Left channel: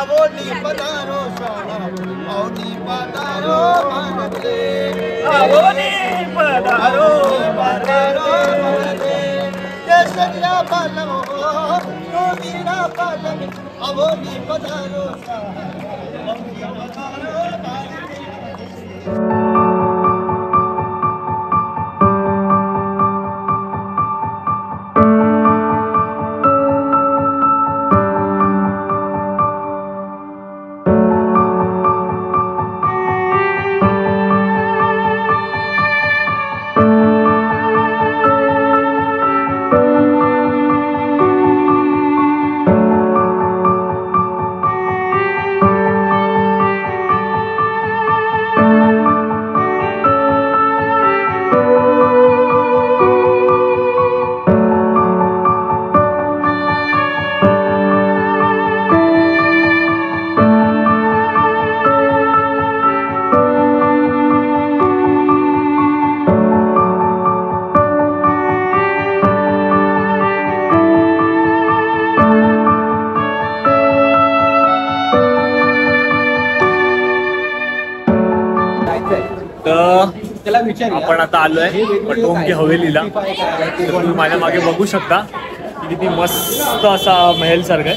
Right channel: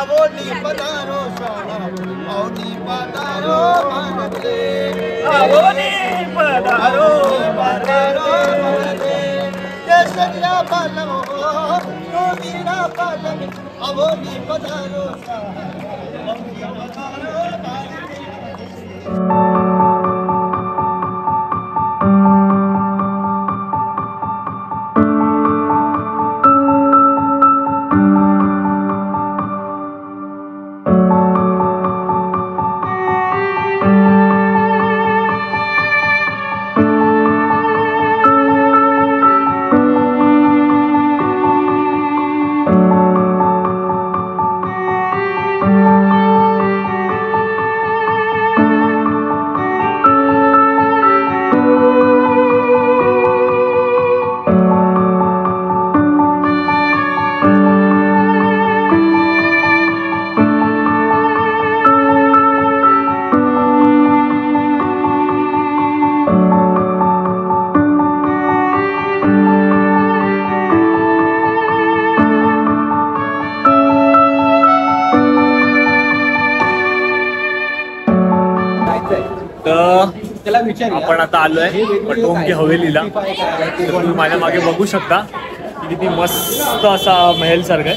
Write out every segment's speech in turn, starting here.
अवोनी पधारो स्वाहा अवनी पधारो मानते अवोनी पधारो मानते जय सगळा पालम हो तो वीरा पालम अवोनी पधारो स्वाहा अवनी पधारो मानते। आपण आता आलोय पटोंगे हवेलीला। तुम्ही माझ्या मागे बघू शकता की किती मस्त असा महल सारखा आहे।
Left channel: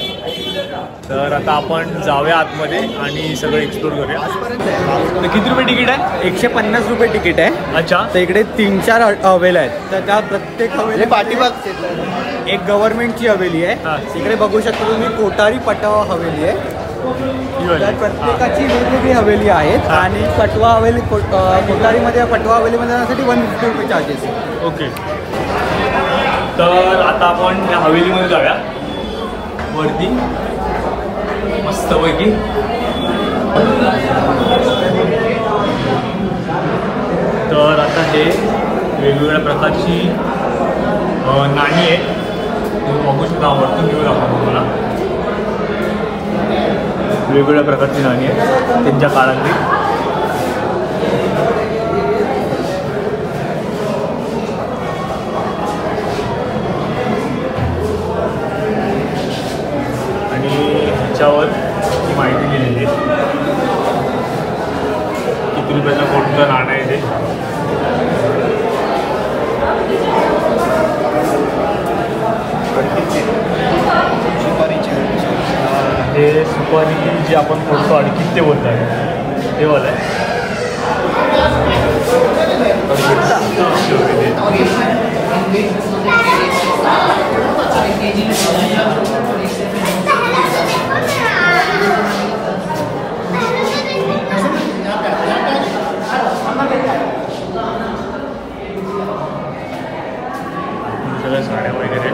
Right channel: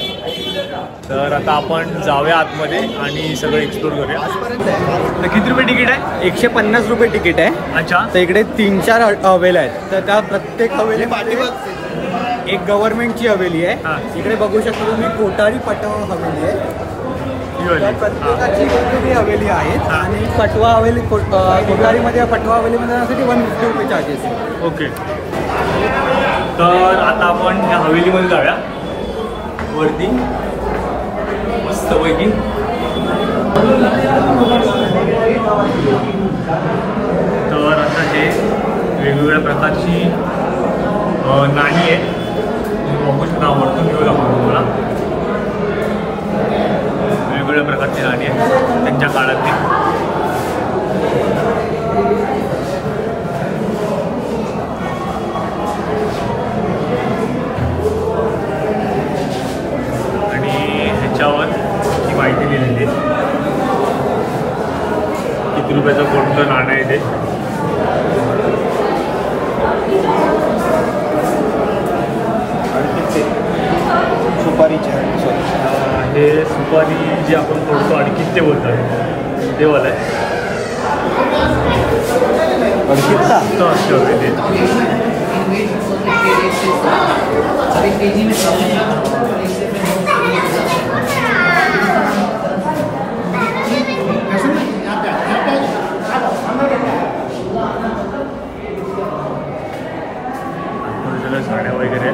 तर आता आपण जाऊया आतमध्ये आणि सगळं एक्सप्लोर करूया। तर किती रुपये तिकीट आहे? 150 रुपये तिकीट आहे। अच्छा, तर इकडे 3-4 हवेल्या आहेत। तर त्या प्रत्येक हवेली एक गव्हर्नमेंटची हवेली आहे। इकडे बघू शकता तुम्ही कोटारी पटवा हवेली आहे हवेली आहेत आणि पटवा हवेली कोटारीमध्ये पटवा हवेलीमध्ये जाण्यासाठी 150 रुपये चार्जेस आहे। ओके, तर आता आपण या हवेलीमध्ये जाऊया वरती मस्तपैकी। तर आता हे वेगवेगळ्या प्रकारची नाणी आहेत, तुम्ही बघू शकता। वरतून घेऊ आपण तुम्हाला वेगवेगळ्या प्रकारची नाणी आहेत त्यांच्या काळातली। आणि ह्याच्यावर ही माहिती दिलेली आहे किती रुपयाचं कोणतं नाणं आहे ते। हे सुपारी जी आपण फोडतो आणि किती बोलतात ते वाला आहे। सगळ्या साड्या वगैरे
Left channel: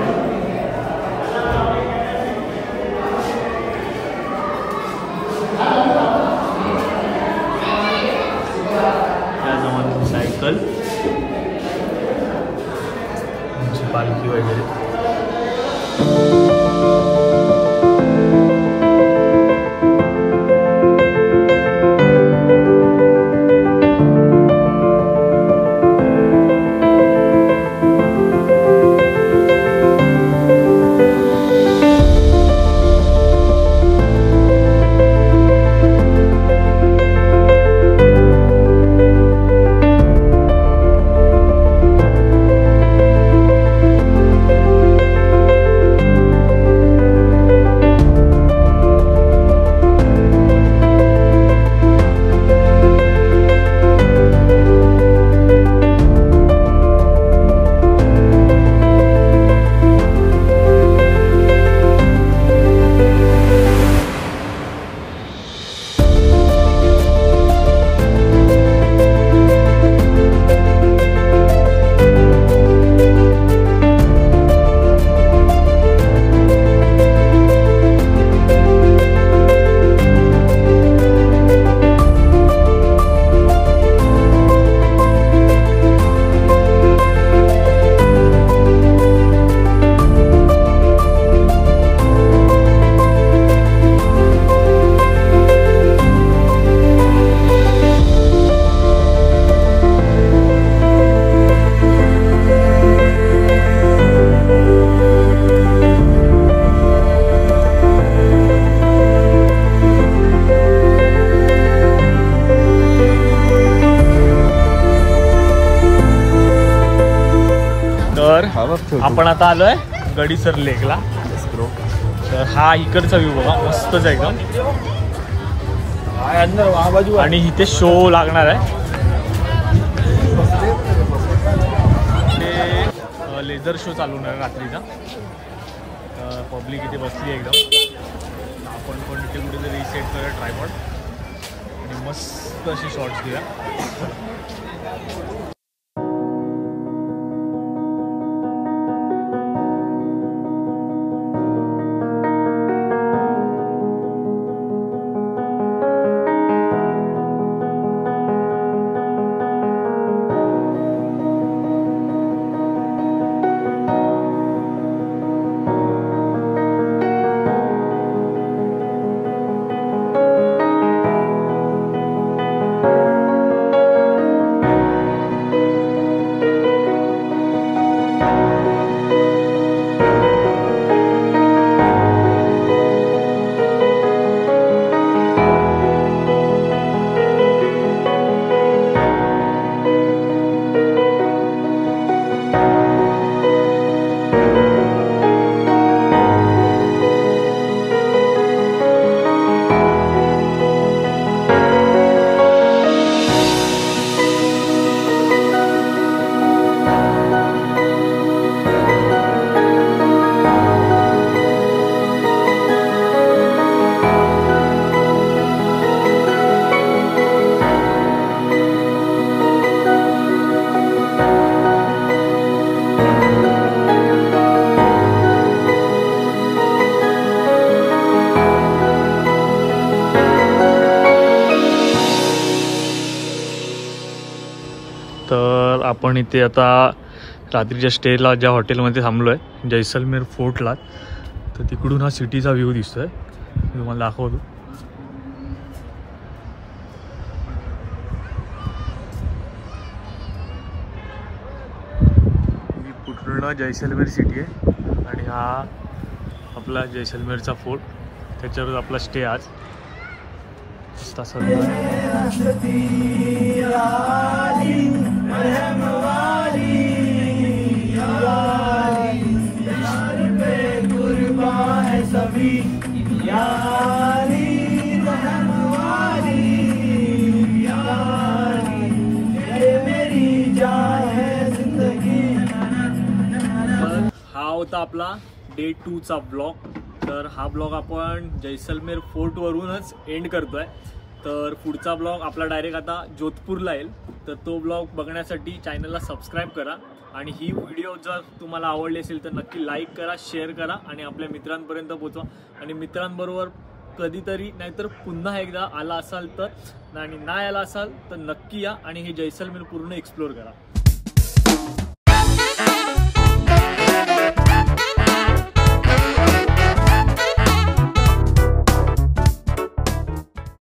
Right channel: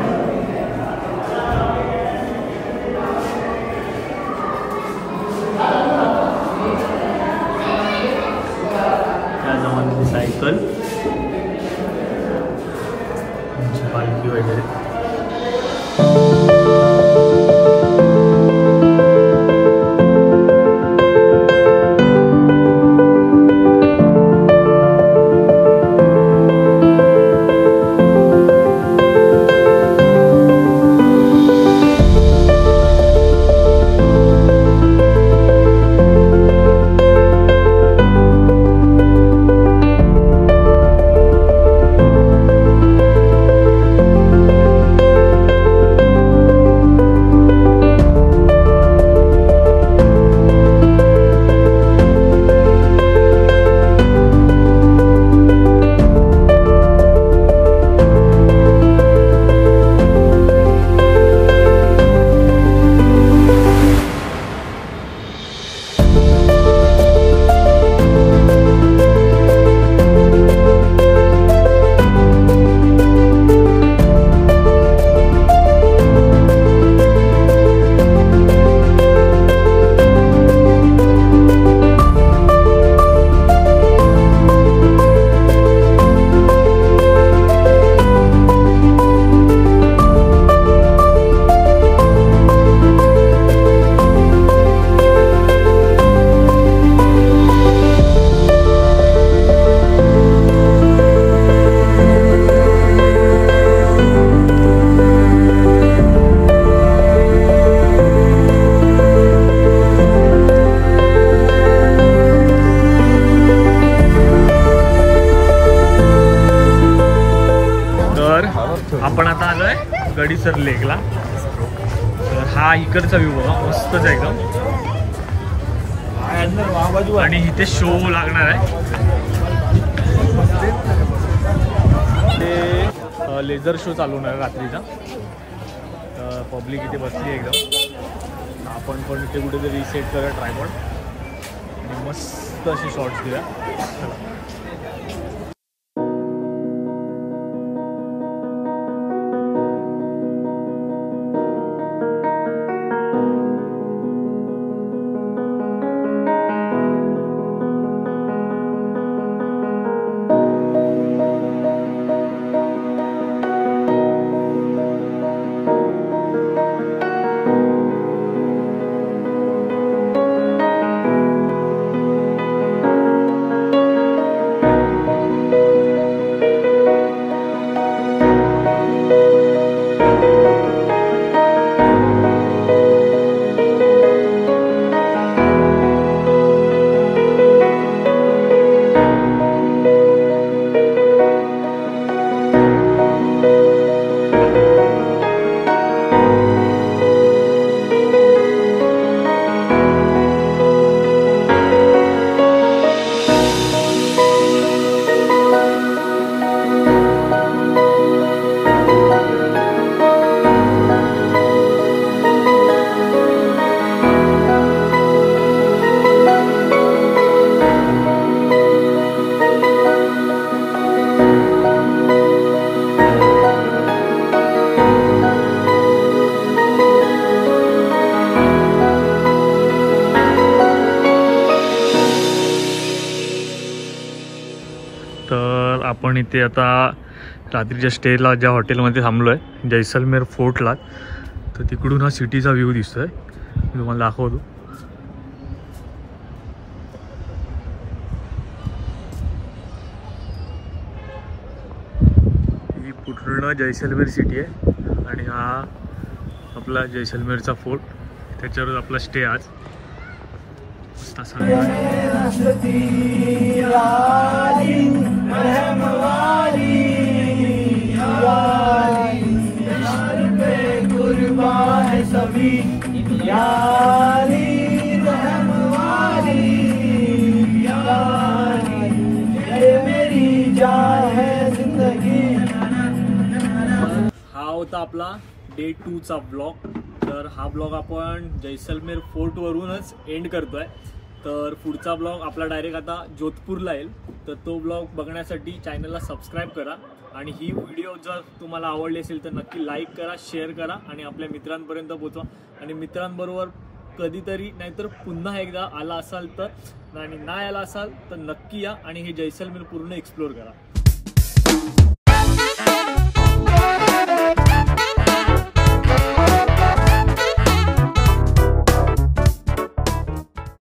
सायकल पालखी वगैरे। आपण आता आलो आहे गडीसर लेकला. तर हा इकडचा व्ह्यू बघा, मस्तच आहे एकदम. आणि इथे शो लागणार आहे, ते लेझर शो चालू होणार रात्रीचा. तर पब्लिक इथे बसली एकदम. आपण पण इथे कुठेतरी सेट करूया ट्रायपॉड आणि मस्त असे शॉर्ट्स घेऊया. चला. तर आपण इथे आता रात्रीच्या स्टेला ज्या हॉटेलमध्ये थांबलो आहे जैसलमेर फोर्टला, तर तिकडून हा सिटीचा व्ह्यू दिसतोय. मी तुम्हाला दाखवतो. ही पूर्ण जैसलमेर सिटी आहे आणि हा आपला जैसलमेरचा फोर्ट, त्याच्यावर आपला स्टे आज. हा होता आपला डे 2चा ब्लॉग. तर हा ब्लॉग आपण जैसलमेर फोर्ट वरूनच एंड करतोय. तर पुढचा ब्लॉग आपला डायरेक्ट आता जोधपूरला येईल. तर तो ब्लॉग बघण्यासाठी चॅनलला सबस्क्राईब करा आणि ही व्हिडिओ जर तुम्हाला आवडली असेल तर नक्की लाईक करा, शेअर करा आणि आपल्या मित्रांपर्यंत पोहोचवा. आणि मित्रांबरोबर कधीतरी नाहीतर पुन्हा एकदा आला असाल तर आणि नाही आला असाल तर नक्की या आणि हे जैसलमेर पूर्ण एक्सप्लोर करा.